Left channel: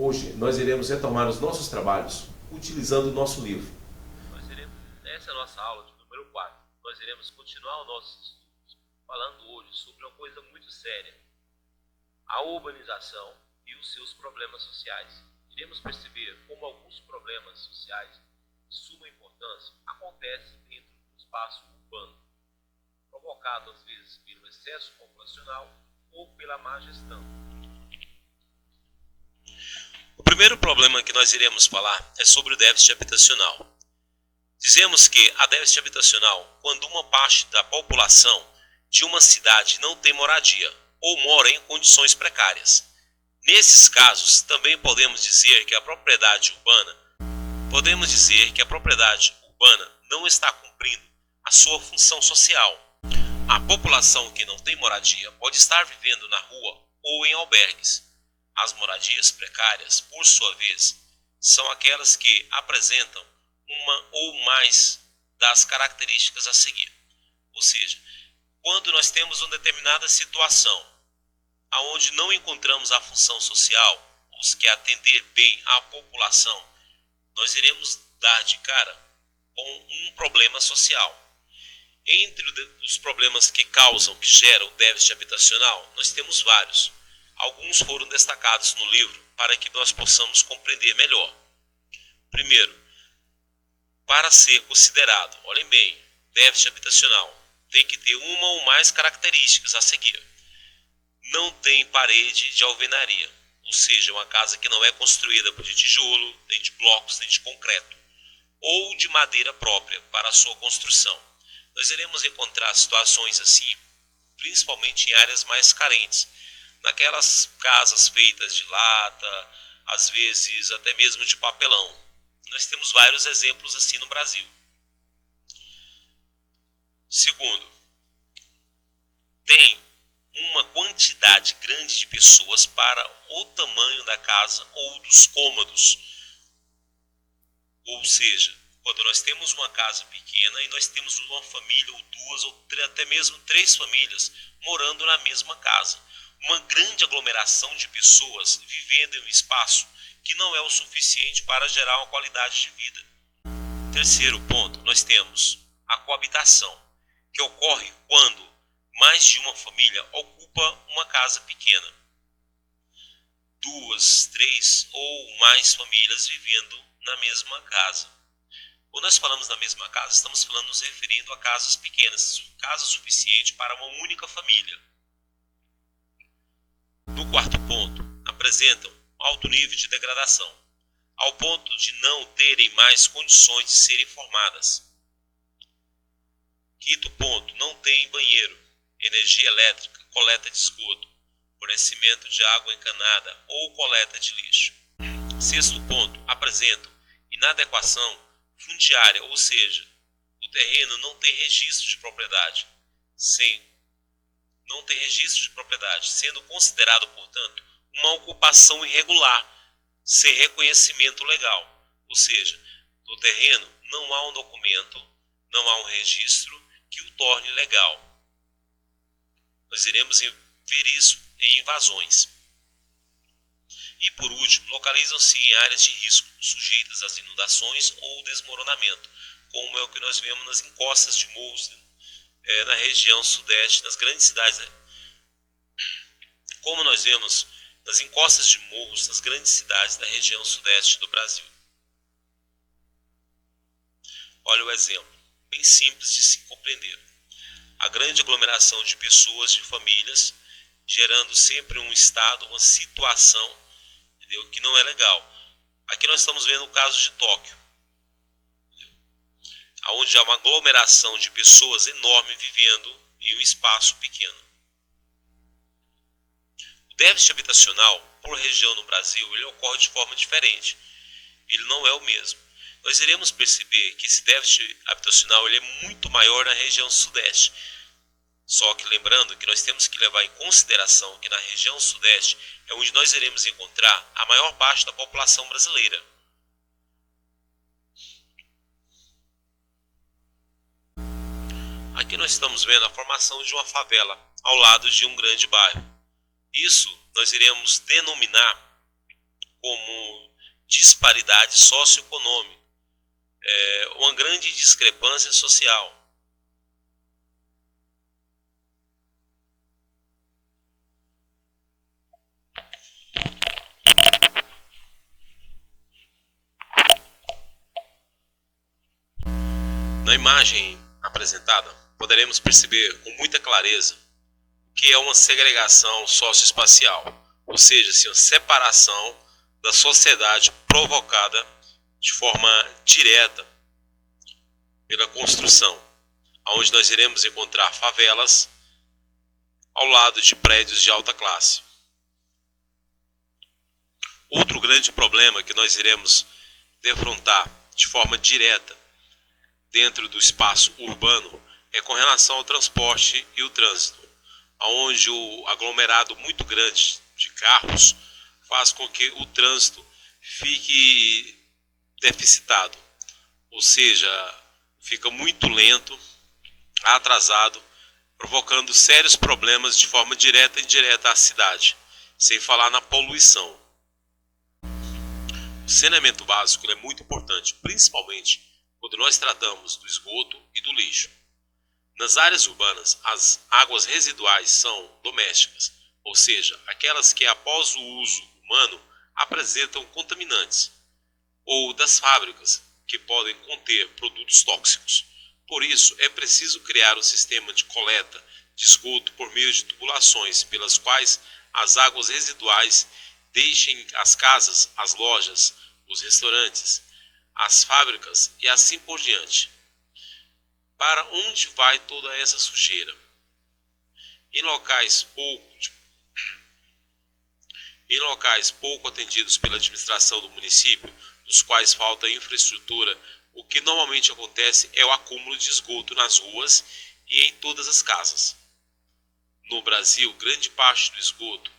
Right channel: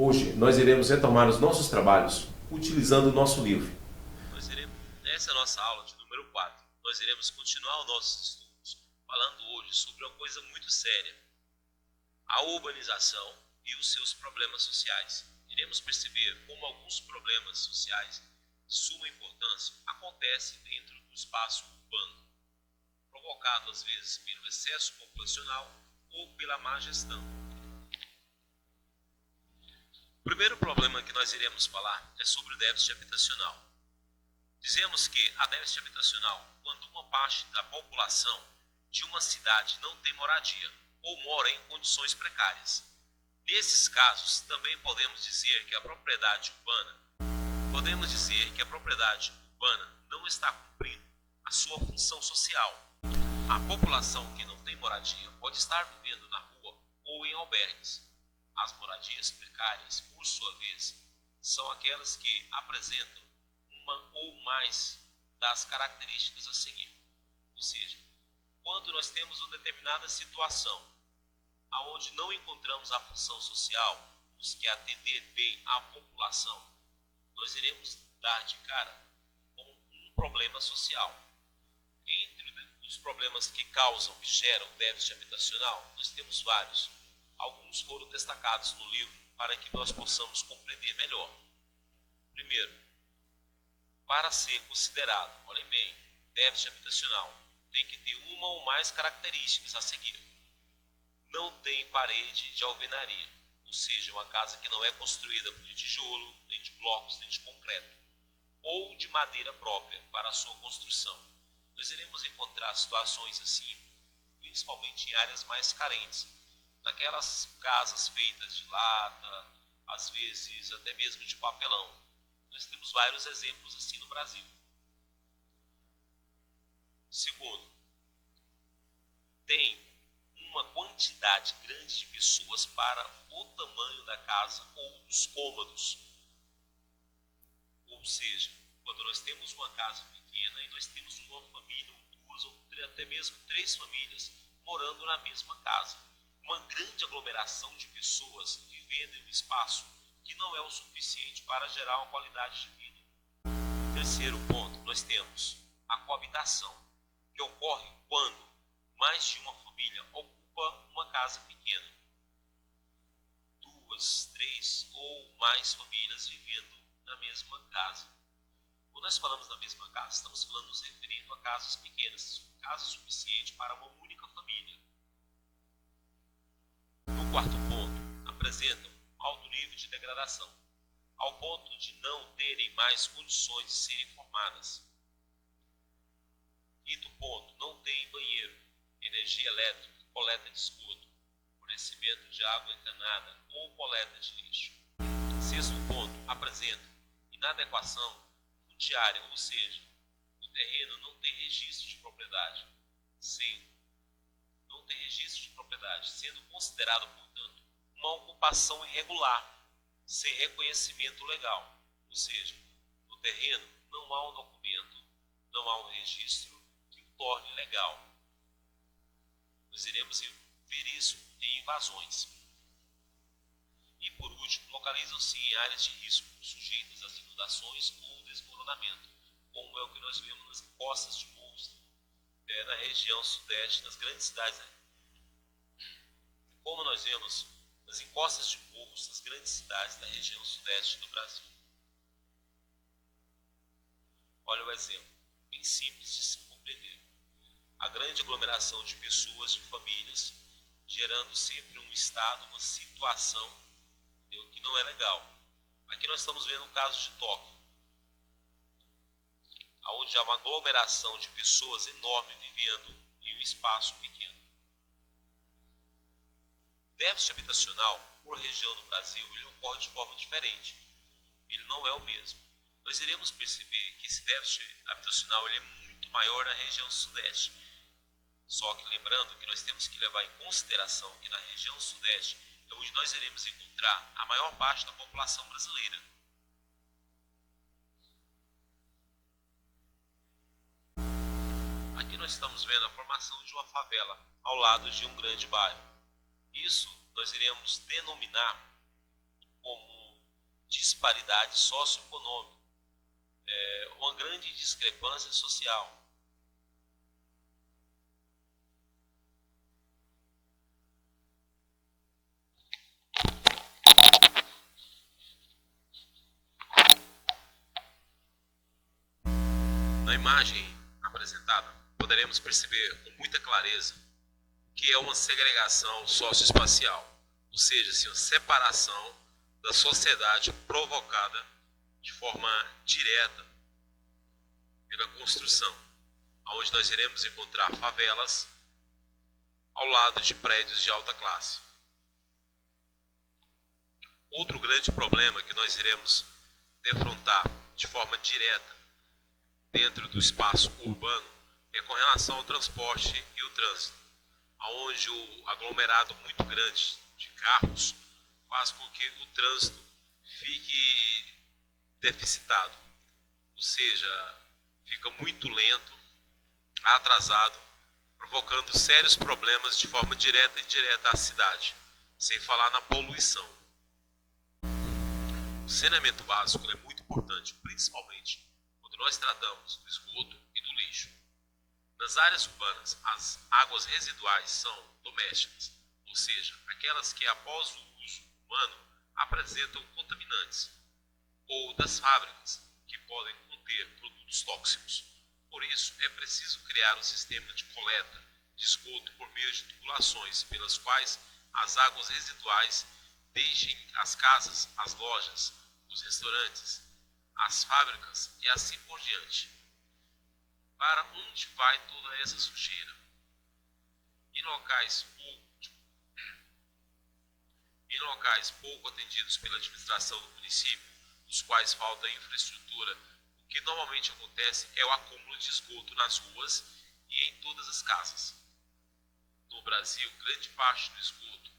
Hoje nós iremos retomar os nossos trabalhos utilizando o nosso livro. Essa é a nossa aula de número 4. Nós iremos continuar os nossos estudos falando hoje sobre uma coisa muito séria: a urbanização e os seus problemas sociais. Iremos perceber como alguns problemas sociais de suma importância acontecem dentro do espaço urbano, provocado às vezes pelo excesso populacional ou pela má gestão. O primeiro problema que nós iremos falar é sobre o déficit habitacional. Dizemos que há déficit habitacional quando uma parte da população de uma cidade não tem moradia ou mora em condições precárias. Nesses casos, também podemos dizer que a propriedade urbana não está cumprindo a sua função social. A população que não tem moradia pode estar vivendo na rua ou em albergues. As moradias precárias, por sua vez, são aquelas que apresentam uma ou mais das características a seguir. Ou seja, quando nós temos uma determinada situação aonde não encontramos a função social, os que atender bem à população, nós iremos dar de cara com um problema social. Entre os problemas que geram o déficit habitacional, nós temos vários. Alguns foram destacados no livro para que nós possamos compreender melhor. Primeiro, para ser considerado, olhem bem, déficit habitacional, tem que ter uma ou mais características a seguir. Não tem parede de alvenaria, ou seja, uma casa que não é construída de tijolo, nem de blocos, nem de concreto, ou de madeira própria para a sua construção. Nós iremos encontrar situações assim, principalmente em áreas mais carentes, naquelas casas feitas de lata, às vezes até mesmo de papelão. Nós temos vários exemplos assim no Brasil. Segundo, tem uma quantidade grande de pessoas para o tamanho da casa ou dos cômodos. Ou seja, quando nós temos uma casa pequena e nós temos uma família ou duas ou até mesmo 3 famílias morando na mesma casa. Uma grande aglomeração de pessoas vivendo em um espaço que não é o suficiente para gerar uma qualidade de vida. Terceiro ponto, nós temos a coabitação, que ocorre quando mais de uma família ocupa uma casa pequena. 2, 3 ou mais famílias vivendo na mesma casa. Quando nós falamos da mesma casa, estamos nos referindo a casas pequenas, casa suficiente para uma única família. No quarto ponto, apresentam alto nível de degradação, ao ponto de não terem mais condições de serem formadas. Quinto ponto, não tem banheiro, energia elétrica, coleta de esgoto, fornecimento de água encanada ou coleta de lixo. Sexto ponto, apresentam inadequação fundiária, ou seja, o terreno não tem registro de propriedade, sendo considerado, portanto, uma ocupação irregular, sem reconhecimento legal. Ou seja, no terreno não há um documento, não há um registro que o torne legal. Nós iremos ver isso em invasões. E por último, localizam-se em áreas de risco, sujeitas às inundações ou desmoronamento, como é o que nós vemos nas encostas de morros na região sudeste, nas grandes cidades. Como nós vemos nas encostas de morros nas grandes cidades da região sudeste do Brasil. Olha o exemplo, bem simples de se compreender. A grande aglomeração de pessoas, de famílias, gerando sempre um estado, uma situação, entendeu, que não é legal. Aqui nós estamos vendo o caso de Tóquio, onde há uma aglomeração de pessoas enorme vivendo em um espaço pequeno. O déficit habitacional, por região no Brasil, ele ocorre de forma diferente. Ele não é o mesmo. Nós iremos perceber que esse déficit habitacional ele é muito maior na região sudeste. Só que lembrando que nós temos que levar em consideração que na região sudeste é onde nós iremos encontrar a maior parte da população brasileira. Aqui nós estamos vendo a formação de uma favela ao lado de um grande bairro. Isso nós iremos denominar como disparidade socioeconômica, uma grande discrepância social. Na imagem apresentada, poderemos perceber com muita clareza que é uma segregação socioespacial, ou seja, uma separação da sociedade provocada de forma direta pela construção, onde nós iremos encontrar favelas ao lado de prédios de alta classe. Outro grande problema que nós iremos defrontar de forma direta dentro do espaço urbano é com relação ao transporte e o trânsito, onde o aglomerado muito grande de carros faz com que o trânsito fique deficitado, ou seja, fica muito lento, atrasado, provocando sérios problemas de forma direta e indireta à cidade, sem falar na poluição. O saneamento básico é muito importante, principalmente quando nós tratamos do esgoto e do lixo. Nas áreas urbanas, as águas residuais são domésticas, ou seja, aquelas que após o uso humano apresentam contaminantes, ou das fábricas, que podem conter produtos tóxicos. Por isso, é preciso criar um sistema de coleta de esgoto por meio de tubulações, pelas quais as águas residuais deixem as casas, as lojas, os restaurantes, as fábricas e assim por diante. Para onde vai toda essa sujeira? Em locais pouco atendidos pela administração do município, nos quais falta infraestrutura, o que normalmente acontece é o acúmulo de esgoto nas ruas e em todas as casas. No Brasil, grande parte do esgoto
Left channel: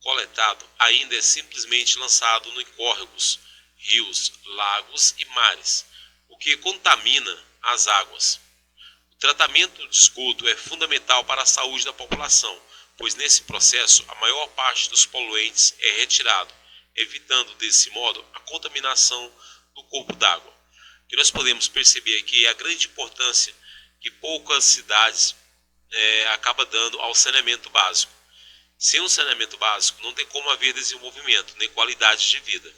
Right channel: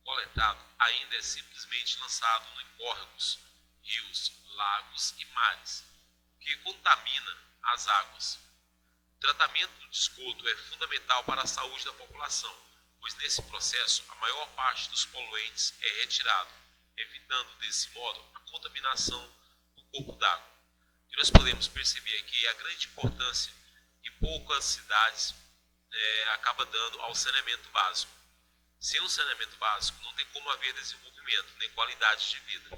coletado ainda é simplesmente lançado em córregos, rios, lagos e mares, o que contamina as águas. O tratamento de esgoto é fundamental para a saúde da população, pois nesse processo a maior parte dos poluentes é retirado, evitando desse modo a contaminação do corpo d'água. O que nós podemos perceber aqui é a grande importância que poucas cidades acabam dando ao saneamento básico. Sem um saneamento básico não tem como haver desenvolvimento nem qualidade de vida.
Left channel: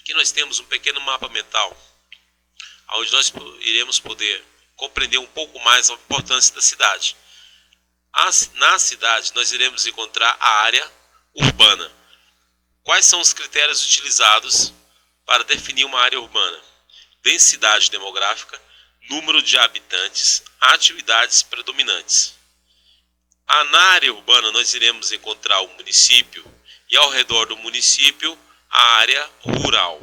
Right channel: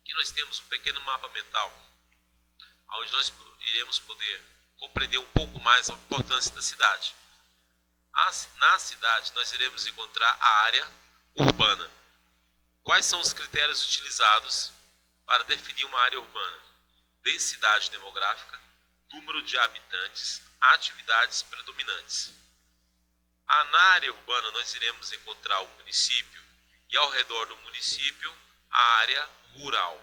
Aqui nós temos um pequeno mapa mental, onde nós iremos poder compreender um pouco mais a importância da cidade. Na cidade nós iremos encontrar a área urbana. Quais são os critérios utilizados para definir uma área urbana? Densidade demográfica, número de habitantes, atividades predominantes. Na área urbana nós iremos encontrar o município e ao redor do município a área rural.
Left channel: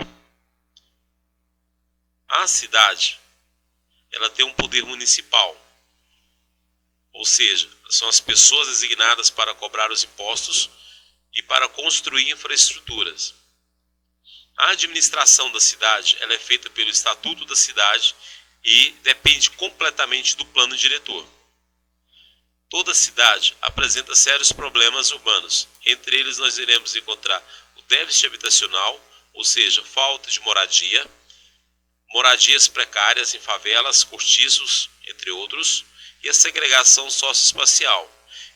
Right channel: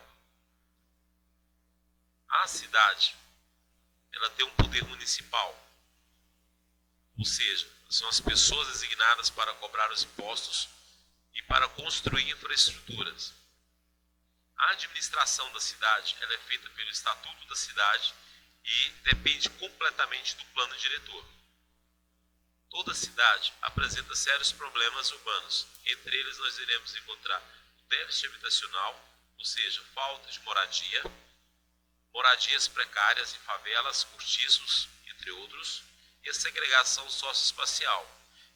A cidade, ela tem um poder municipal, ou seja, são as pessoas designadas para cobrar os impostos e para construir infraestruturas. A administração da cidade, ela é feita pelo Estatuto da Cidade e depende completamente do plano diretor. Toda cidade apresenta sérios problemas urbanos. Entre eles nós iremos encontrar o déficit habitacional, ou seja, falta de moradia, moradias precárias em favelas, cortiços, entre outros, e a segregação socioespacial.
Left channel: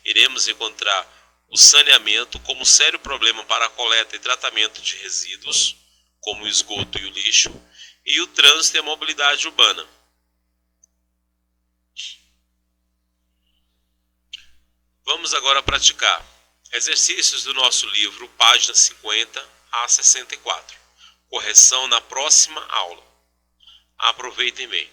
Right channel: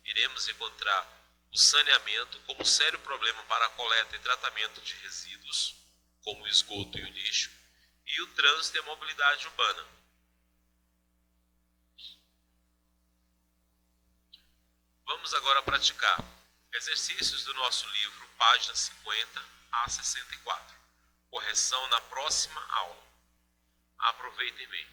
Iremos encontrar o saneamento como sério problema para a coleta e tratamento de resíduos, como o esgoto e o lixo, e o trânsito e a mobilidade urbana. Vamos agora praticar exercícios do nosso livro, páginas 50 a 64. Correção na próxima aula. Aproveitem bem.